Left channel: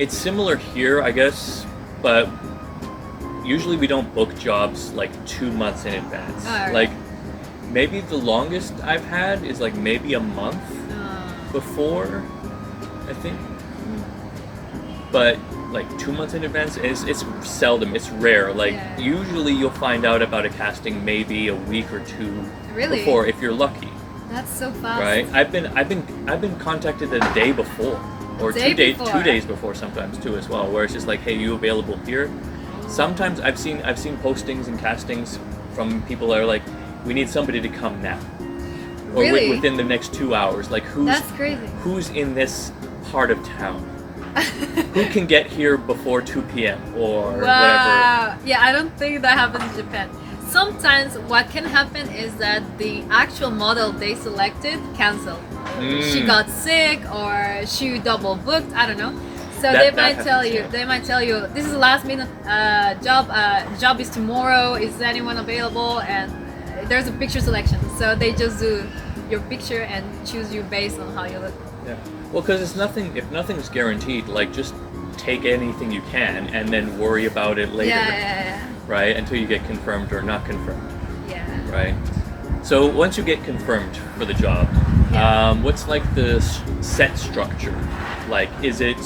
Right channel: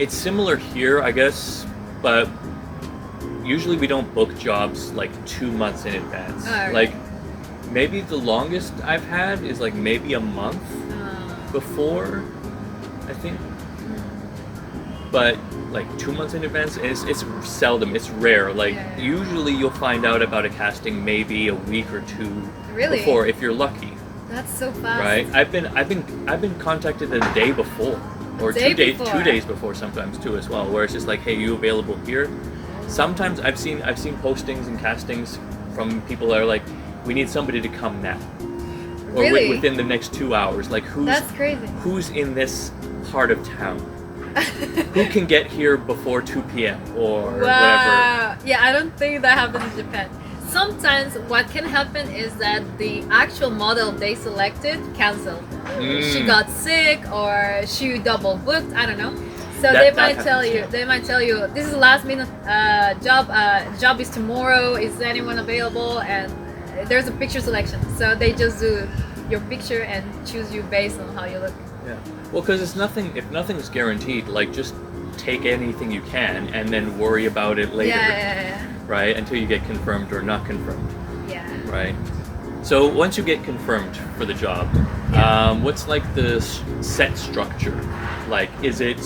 It's similar here, I guess, but usually we don't book jobs like 2 months in advance. Alright. Like maybe the longest I've had is like maybe a month before, I think. But like 2 months in advance, it's seldom, it's rare. Like usually you'll find out about a casting maybe a week or two Really? before if you're lucky, That's so fast. right? I've been contacted a day before, or Day 2 days before. 2 days before sometimes too as well, where it's just like, hey, you available here? Sometimes I've seen postings and castings from people that are like, we need somebody to come now, or Really? within the next 2 hours. Like That's crazy. who's in this part of town? Who can get here before 2 p.m. or whatever? Wow. Yeah, I don't think that happens in Japan. Sometimes what can happen is that the actual model they selected canceled. She got sick or she double booked. I don't know. So That they might happens, tell you. yeah. They might tell you this is a last minute job. Job is tomorrow. Is anyone available? And there's a picture selection. So they just do your picture and choose you based on how you look. Yeah. Well, because if nothing's guaranteed, like just take anything you can and then worry about it later, Yeah. right? Until you get confirmed or not confirmed, Yeah. right? So once you get confirmed for the job, what's like the set structure? Like, is it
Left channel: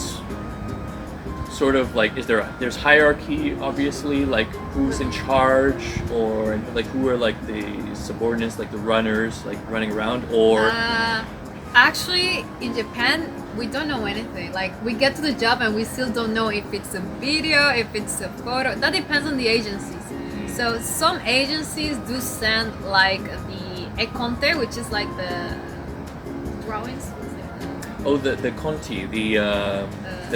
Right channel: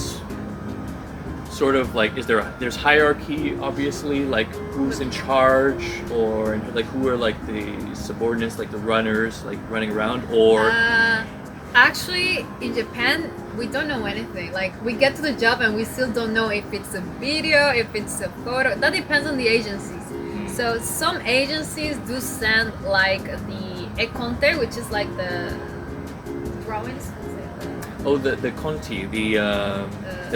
sort of like, there's hierarchy, obviously, like who's in charge, or like who are like the subordinates, like the runners, like running around, or Actually, in Japan, we don't know anything. Like, we get to the job and we still don't know if it's a video, if it's a photo. That depends on the agencies. So some agencies do send like the econte, which is like the drawings. oh, the conti, the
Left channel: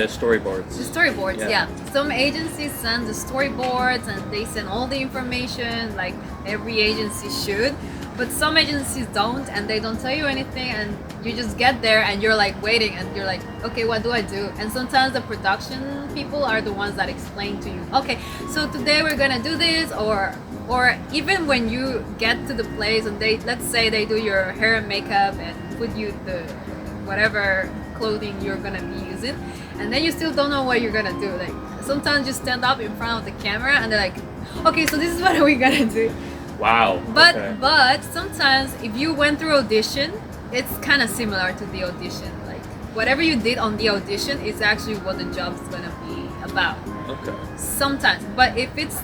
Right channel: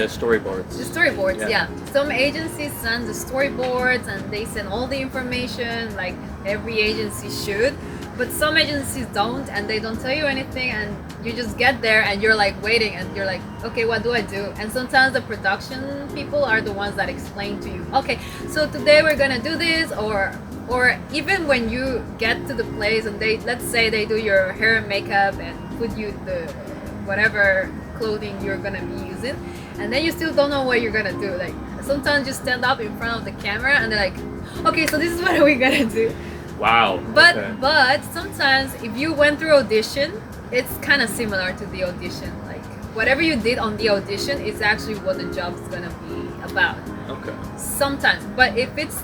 storyboards. The storyboards, Yeah. yeah. Some agencies send the storyboards and they send all the information, like every agency should. But some agencies don't, and they don't tell you anything, and you just get there and you're like waiting, and you're like, okay, what do I do? And sometimes the production people are the ones that explain to you, okay, so today we're gonna do this, or even when you get to the place and let's say they do your hair and makeup and put you the whatever clothing you're gonna be using, and then you still don't know what you're gonna do. Like sometimes you stand up in front of the camera and they're like, okay, so this is what we're gonna do. Wow. But okay. but sometimes if you went through audition, it's kind of similar to the audition. Like whatever you did on the audition is actually what the job's gonna be about. Okay. Sometimes, but if it's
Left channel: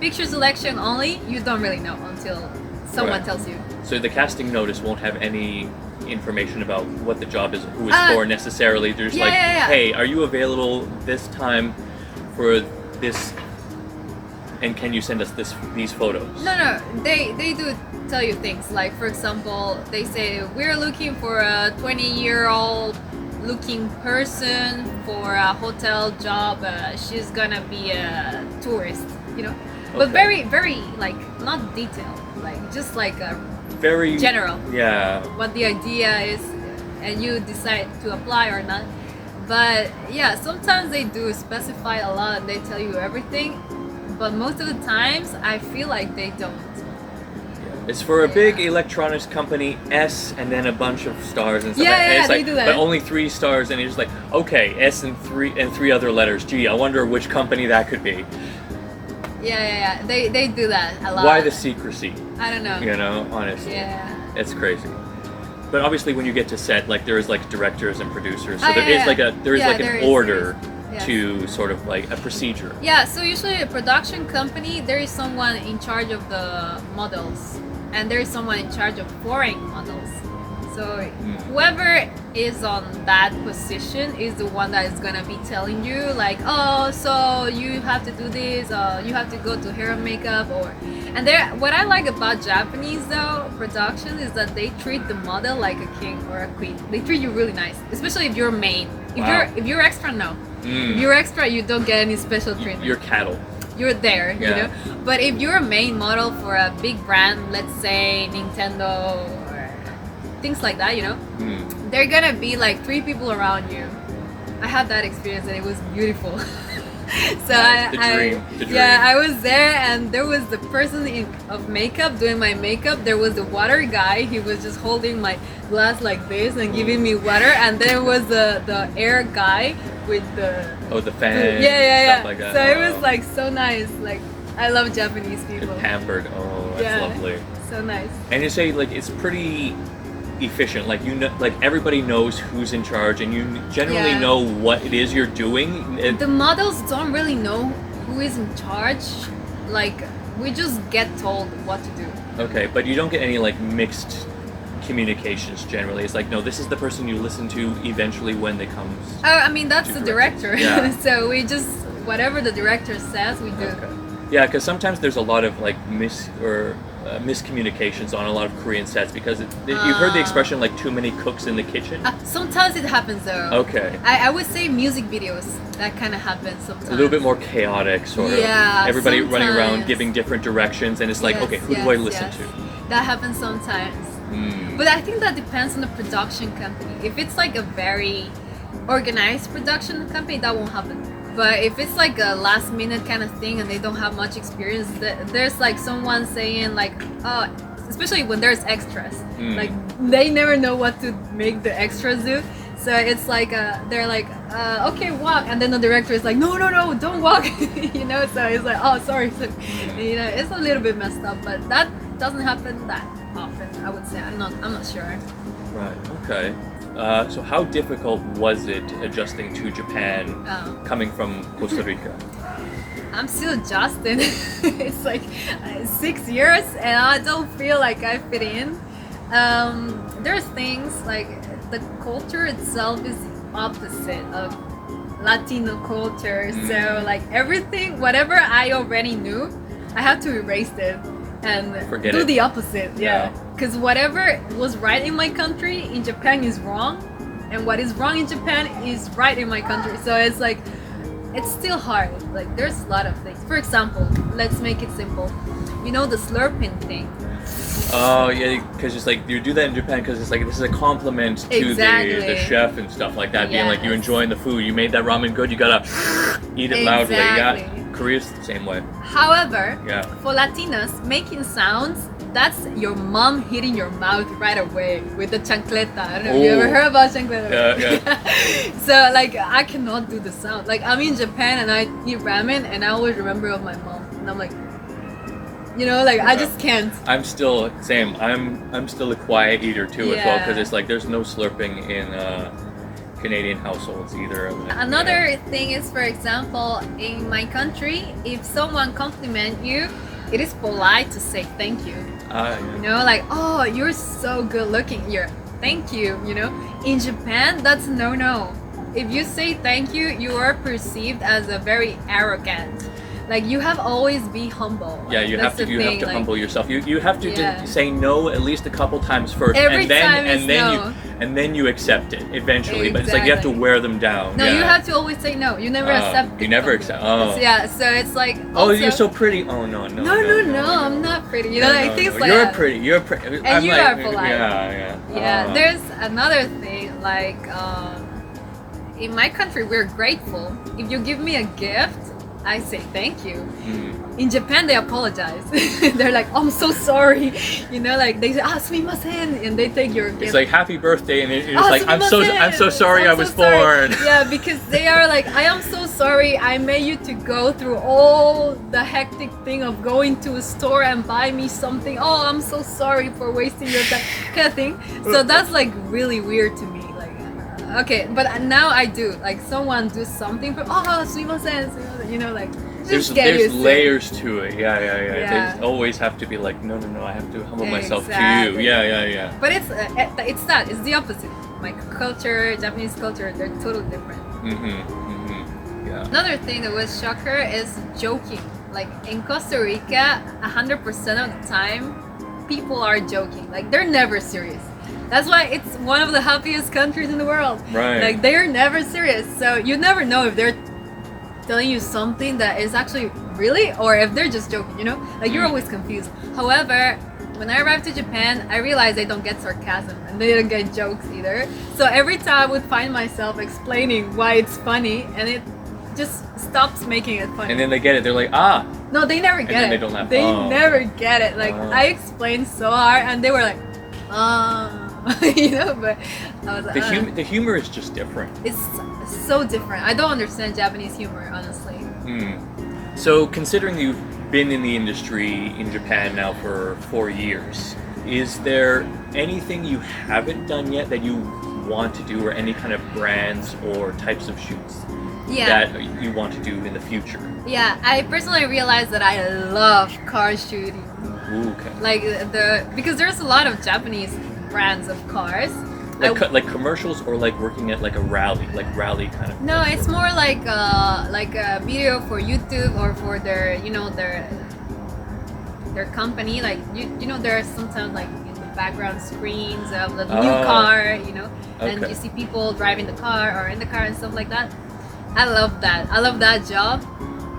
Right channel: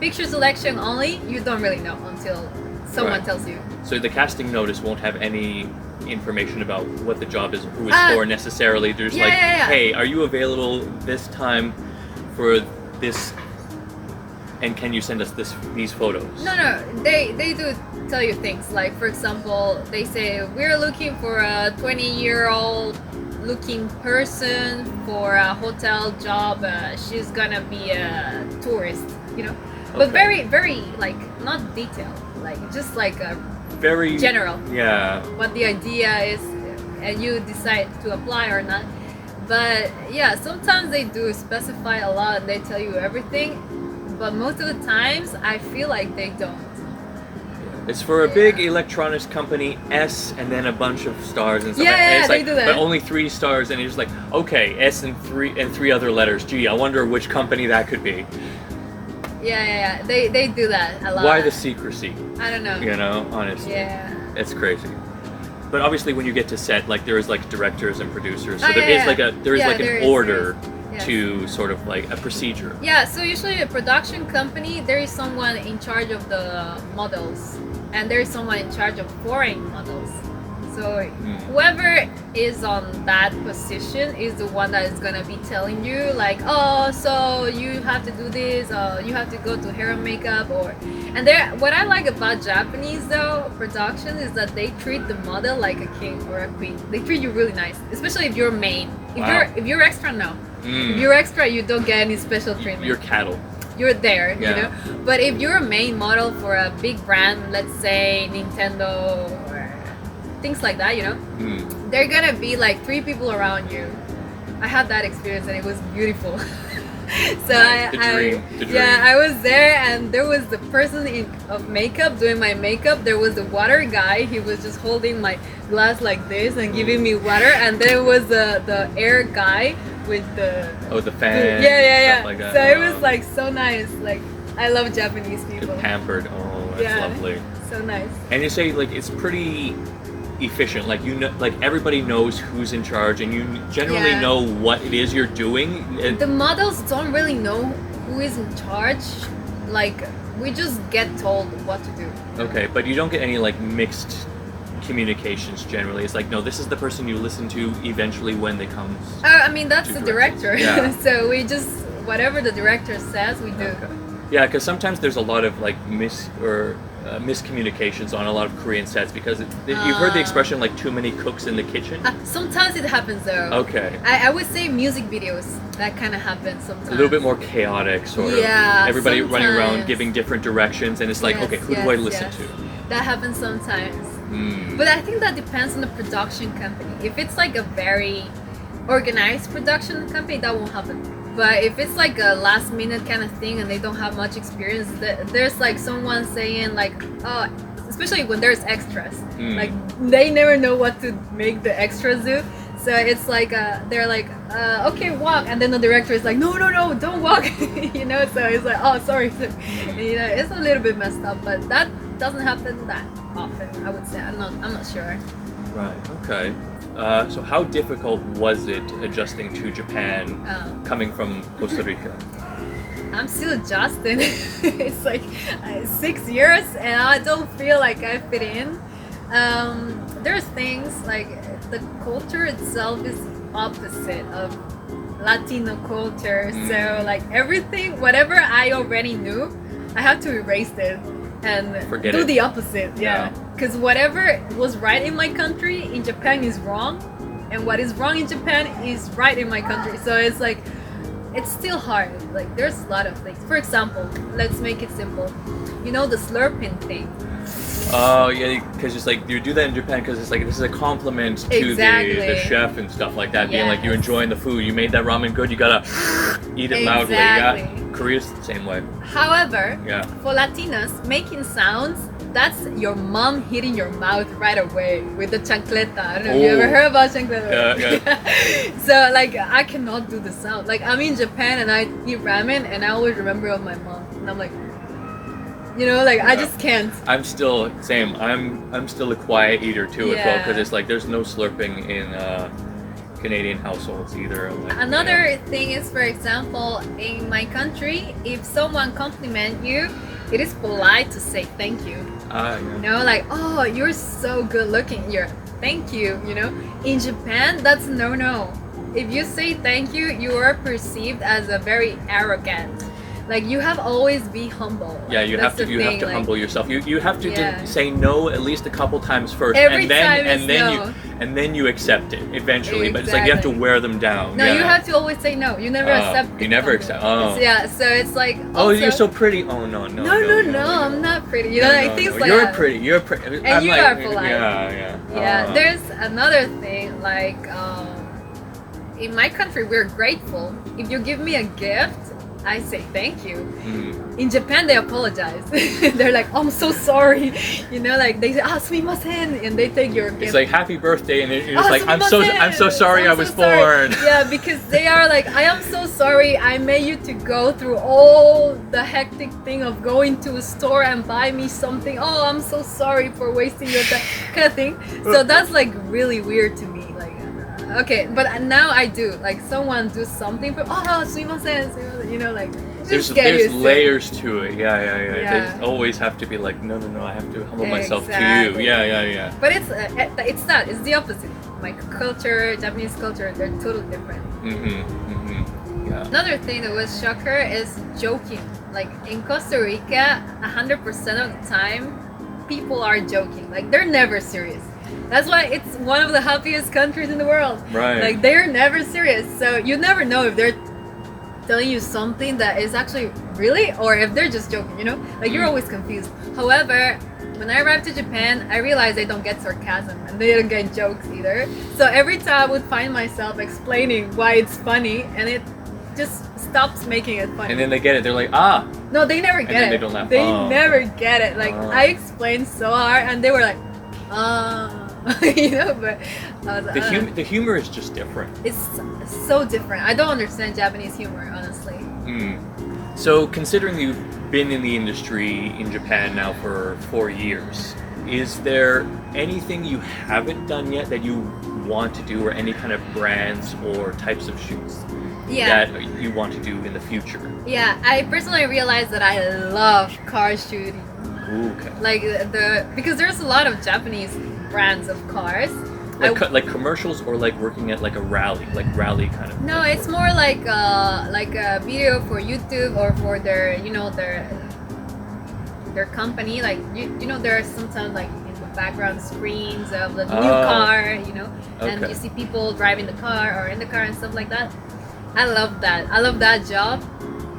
picture selection only, you don't really know until someone Right. tells you. So the casting notice won't have any information about what the job is, who it's for necessarily. There's like, hey, are you available this time for this? And can you send us these photos? No, they do tell you things. Like for example, they say we're looking for a 20-year-old looking person for a hotel job. She's gonna be a tourist, you know. But Okay. very like not detailed, like just like a Very general. Yeah. What the idea is, and you decide to apply or not. But yeah, sometimes they do specify a lot and they tell you everything. But most of the times, I feel like they don't. It's for a big electronics company, S, and then a bunch of stars and stuff. Yeah, and it's they like, do that. But only 3 stars, and you're just like, okay, S and three other letters. Gee, I wonder which company that could be. Yeah. They do that a lot. Why the secrecy? I don't know. You know, honestly. Yeah. It's crazy. But obviously, when you get to set, like there is like directors and producers, so Ah, there is like an there order Yes. to sort of like a procedure. Yeah, so usually a production company, there is someone in charge of the models, and there is someone in charge of foreign models. So whoever is on that position is the one that is gonna be telling you like, oh, so you have to do this, you have to go to hair and makeup, or and there. What I like about Japanese though production is that they treat the model like a king or a queen. They treat you really nice, especially if you're main. If you're extra, no. If you're extra, you don't get any special treatment. You're cattle. You're there, Yeah. you know. But if you're a main model for a big brand, let's say Nintendo or things like that, you know, they're gonna be like 3 people around you. I had that experience and it was beautiful. So Nice. The dream. yeah, I was there, and there was the person of makeup doing my makeup. There was the water guy. He was just holding my glass like this and giving me water. And there was the air guy with the the fan. yeah. Stuff like that. So it was like so nice. Like I love Japanese people. You're pampered. Oh, that's Yeah. lovely. So nice. And you say like it's pretty efficient. Like you know, like everybody knows who's in charge, and you generally Yeah. know what it is you're doing. The models don't really know who is in charge. Like we just get told what to do. Okay, but you don't get any like mixed communications generally. It's like no, this is the person you listen to eventually when they come. Oh, I mean that's To the directors. director. Yeah. So we just whatever the director says, we do. Okay. Yeah, because sometimes there's a lot of like miscommunications on a lot of Korean sets because you've heard the expression like too many cooks in the kitchen. Sometimes it happens though. Okay. I would say music videos that kind of happens sometimes. A little bit more chaotic, sort of. Yeah, Everybody running around sometimes. giving different directions, and it's like, Yes, okay, who do I yes, listen yes. to? That happens sometimes. Mm. But I think that depends on the production company. If it's like a very organized production company, that won't happen. But if it's like a last minute kind of thing and they don't have much experience, there's like someone saying like, especially when there's extras, like they never know what to make the extras do. So it's like they're like, okay, walk, and then the director is like, no, don't walk, you know. So it's like, oh, sorry, you know, it's a little bit messed up, but that doesn't happen that often. I would say I'm not sure. Right. Okay. So how difficult was it adjusting to Japan, coming from Costa Rica? I'm still adjusting. It's like 6 years, and I don't feel like I fit in. There's things like the culture itself is opposite of Latino culture. So like everything, whatever I already knew, I have to erase it and Forget do it. the opposite. Yeah. Because whatever was right in my country, in Japan is wrong, and what is wrong in Japan is right in my country. So it's like, it's still hard. Like there's a lot of things. For example, let's make it simple. You know the slurping thing. Oh yeah, because it's like you do that in Japan because it's like this is a compliment to Exactly. the chef and stuff like that, being like you Yes. enjoying the food. You made that ramen good. You gotta eat it loudly. Yeah, Exactly. Korea's the same way. However, Yeah. for Latinos, making sounds, that's your mom hitting your mouth right away with the chancleta. I don't know if you ever Oh. heard about chancleta. Yeah, So like I cannot do the sound. Like I'm in Japan and I eat ramen and I always remember of my mom. And I'm like, you know, like I Yeah. just can't. I'm still same. I'm still a quiet eater too as well Yeah. because it's like there's no slurping in Canadian households either. Like, Another thing is, for example, in my country, if someone compliment you, it is polite to say thank you. Yeah. You know, like, oh, you're so good looking. Thank you. You know, in Japan, that's no. If you say thank you, you are perceived as a very arrogant. Like you have always be humble. Yeah, you That's have to the you have thing, to like, humble yourself. You have to Yeah. say no at least a couple times first, Every and then time is and then no. you accept it eventually. But it's like you have to Exactly. wear them down. No, yeah. you have to always say no. You never accept. You it never from accept. them. Oh. Yeah, so it's like. Oh, also- you're so pretty. Oh no. No, I'm not pretty. You know, like things like You're that. pretty. You're pretty. And you are polite. Yeah. Yeah, there's another thing like in my country we're grateful. If you give me a gift, I say thank you. In Japan they apologize. They're like, I'm so sorry. You know, like they say, sumimasen, and they take your gift. It's like happy birthday, and you're just "Ah, like I'm so sumimasen, sorry I'm I so was sorry." born. Yeah, because they are like, I am so sorry I made you to go through all the hectic thing of going to a store and buy me something. Oh, I'm so sorry for wasting your time, kind of thing. So that's like really weird to me. Like, okay, but now I do. Like someone do something for, sumimasen, you know, like just get There's used to it. layers to it. Yeah. Yeah. They always have to be like, no, I have to humble myself to Exactly. you. Yeah. But it's that. It's the opposite. My culture, Japanese culture, they're totally different. Yeah. Another thing that was shocker is joking. Like in Costa Rica, 100% of the time, people are joking. Like they're never serious. That's why it's one of the happiest countries in the world. Right. Like they're never serious. So you never know if they're telling you something that is actually really, or if they're just joking, you know? Like you're always confused. However, when I arrived to Japan, I realized they don't get sarcasm and they don't get jokes either. So every time I would find myself explaining why it's funny, and it just stops making it funny. And then they get it. They're like, ah. No, they never get then it. they don't laugh. They Oh. never get it. Like Oh. I explained so hard, and they were like, you know. But I was like, The humor is just different. it's so different. I don't understand Japanese humor, honestly. So, considering you've been in the industry in Japan now for 4 years, is there anything you haven't done yet that you want to do, or any kind of brands or types of shoots Yeah. that you want to do in the future? Yeah, I personally realized that I love car shooting. Ooh, okay. Like because there's a lot of Japanese brands of cars. Like commercials, or like working at like a rally kind of. No, like it's work? more like a video for YouTube or for their their company. Like you know, there are sometimes like in the background screens of the new car, you know, and Okay. you see people driving the car or in the car and stuff like that. I love that. I love that job.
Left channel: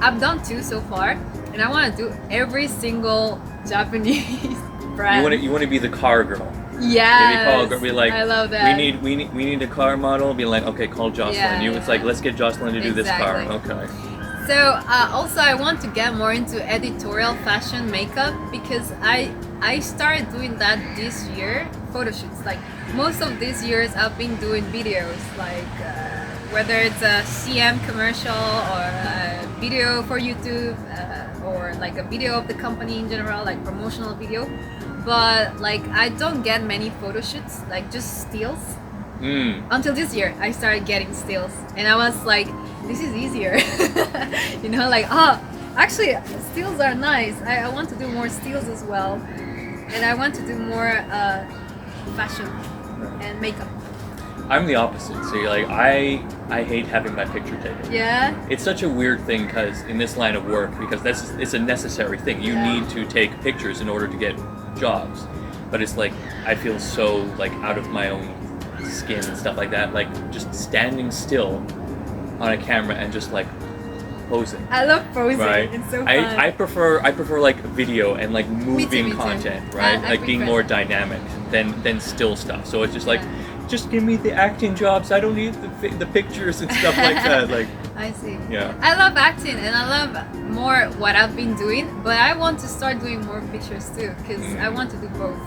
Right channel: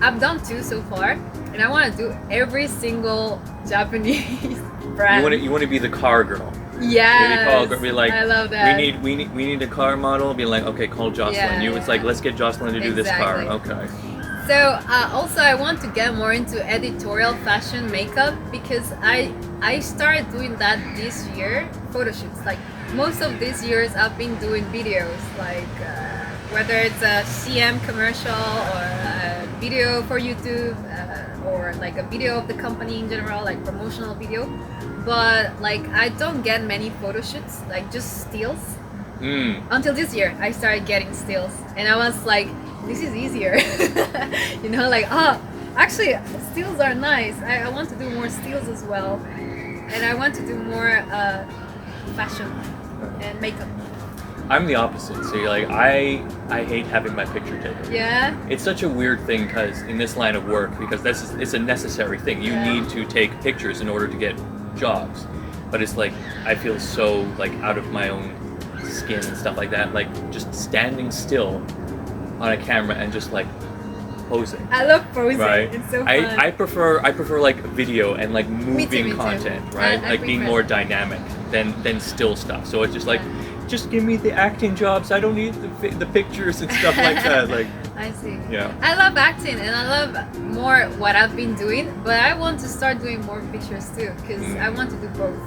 I've done 2 so far, and I want to do every single Japanese brand. You want to be the car girl. Yes, Maybe call, be like, I love that. we need a car model. Be like, okay, call Joselyn. Yeah, It's like, let's get Joselyn to do this car. Exactly. Okay. So also I want to get more into editorial fashion makeup, because I started doing that this year, photo shoots. Like most of these years I've been doing videos, like whether it's a CM commercial or a video for YouTube or like a video of the company in general, like promotional video. But like I don't get many photo shoots, like just stills. Until this year I started getting stills, and I was like, this is easier. You know, like actually stills are nice. I want to do more stills as well, and I want to do more fashion and makeup. I'm the opposite. So you're like, I hate having my picture taken. Yeah. It's such a weird thing, because in this line of work, because it's a necessary thing. You Yeah. need to take pictures in order to get jobs. But it's like, I feel so like out of my own skin and stuff like that. Like just standing still on a camera and just like posing. I love posing. Right. It's so fun. I prefer like video and like Me moving too. content, right? I Like being prefer more that. dynamic than still stuff. So it's just like, Yeah. just give me the acting jobs. I don't need the pictures and stuff like that. Like, I see. yeah. I love acting, and I love more what I've been doing, but I want to start doing more pictures too, because I want to do both.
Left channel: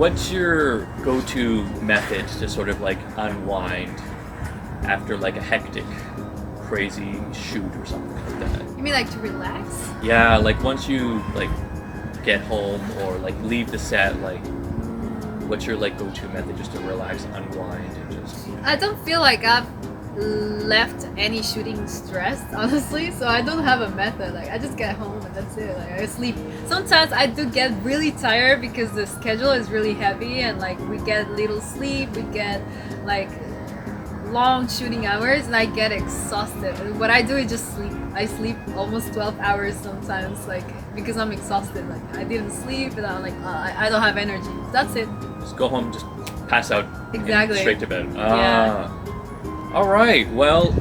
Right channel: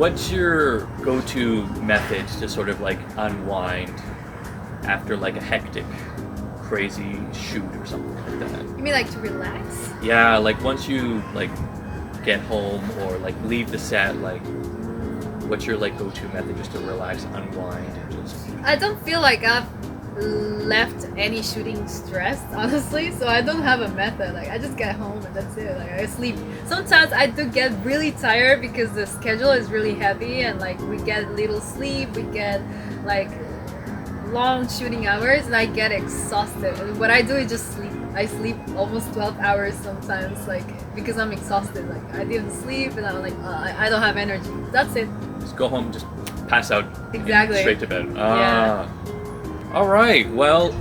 What's your go-to method to sort of like unwind after like a hectic, crazy shoot or something like that? You mean like to relax? Yeah, like once you like get home or like leave the set, like what's your like go-to method just to relax, unwind, and just? I don't feel like I've left any shooting stressed, honestly, so I don't have a method. Like I just get home and that's it. Like I sleep. Sometimes I do get really tired because the schedule is really heavy, and like we get little sleep, we get like long shooting hours, and I get exhausted. And what I do is just sleep. I sleep almost 12 hours sometimes, like because I'm exhausted. Like I didn't sleep, and I'm like I don't have energy. That's it. Just go home, just pass out, Exactly. straight to bed. Yeah. All right. Well,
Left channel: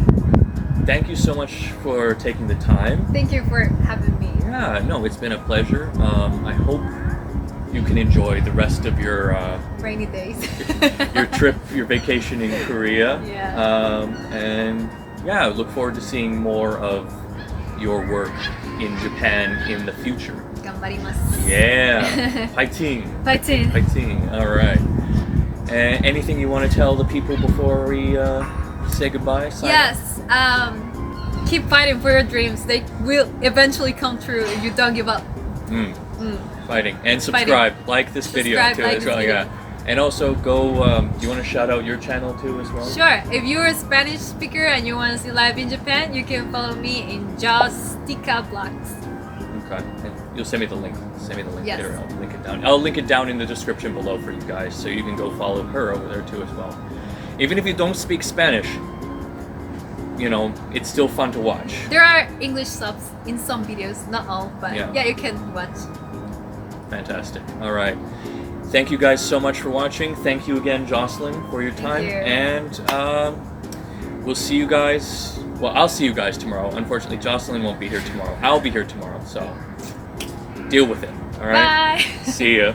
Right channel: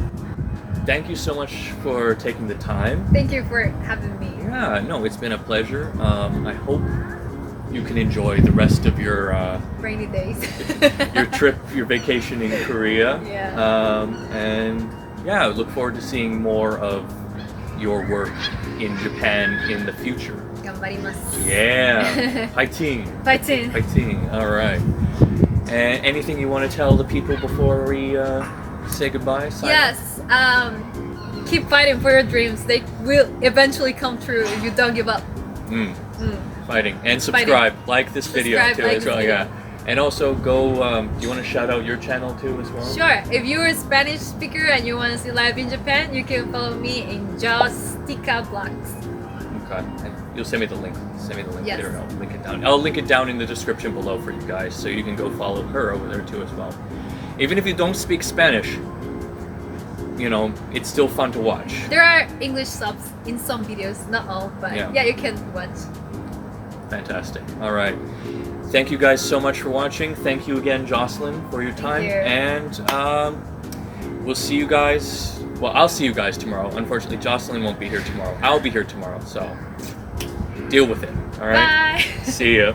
thank you so much for taking the time. Thank you for having me. Yeah, no, it's been a pleasure. I hope you can enjoy the rest of your Rainy days. trip, your vacation in Korea. Yeah. And yeah, I look forward to seeing more of your work in Japan in the future. 頑張ります。 Yeah. Fighting. Fighting. Fighting. All right. And anything you want to tell the people before we say goodbye? Sign off? Yes. Keep fighting for your dreams. They will eventually come true if you don't give up. Fighting. And subscribe. Like this video Subscribe, too like as this well. video. Yeah. And also go. You want to shout out your channel too as well? Sure. If you're a Spanish speaker and you want to see live in Japan, you can follow me in Jostika Vlogs. Okay. And you'll send me the link. Send me the link Yes. there. I'll link it down. I'll link it down in the description below for you guys, so you can go follow her over there too as well. Even if you don't speak Spanish, you know, it's still fun to watch. There are English subs in some videos, not all, but Yeah. yeah, you can watch. Fantastic. All right. Thank you guys so much for watching. Thank you again, Joselyn, for your time. you. And we'll see you guys. Well, I'll see you guys tomorrow. Unfortunately, Joselyn won't be here tomorrow. I'll be here tomorrow, so deal with it. All right. Bye. See ya.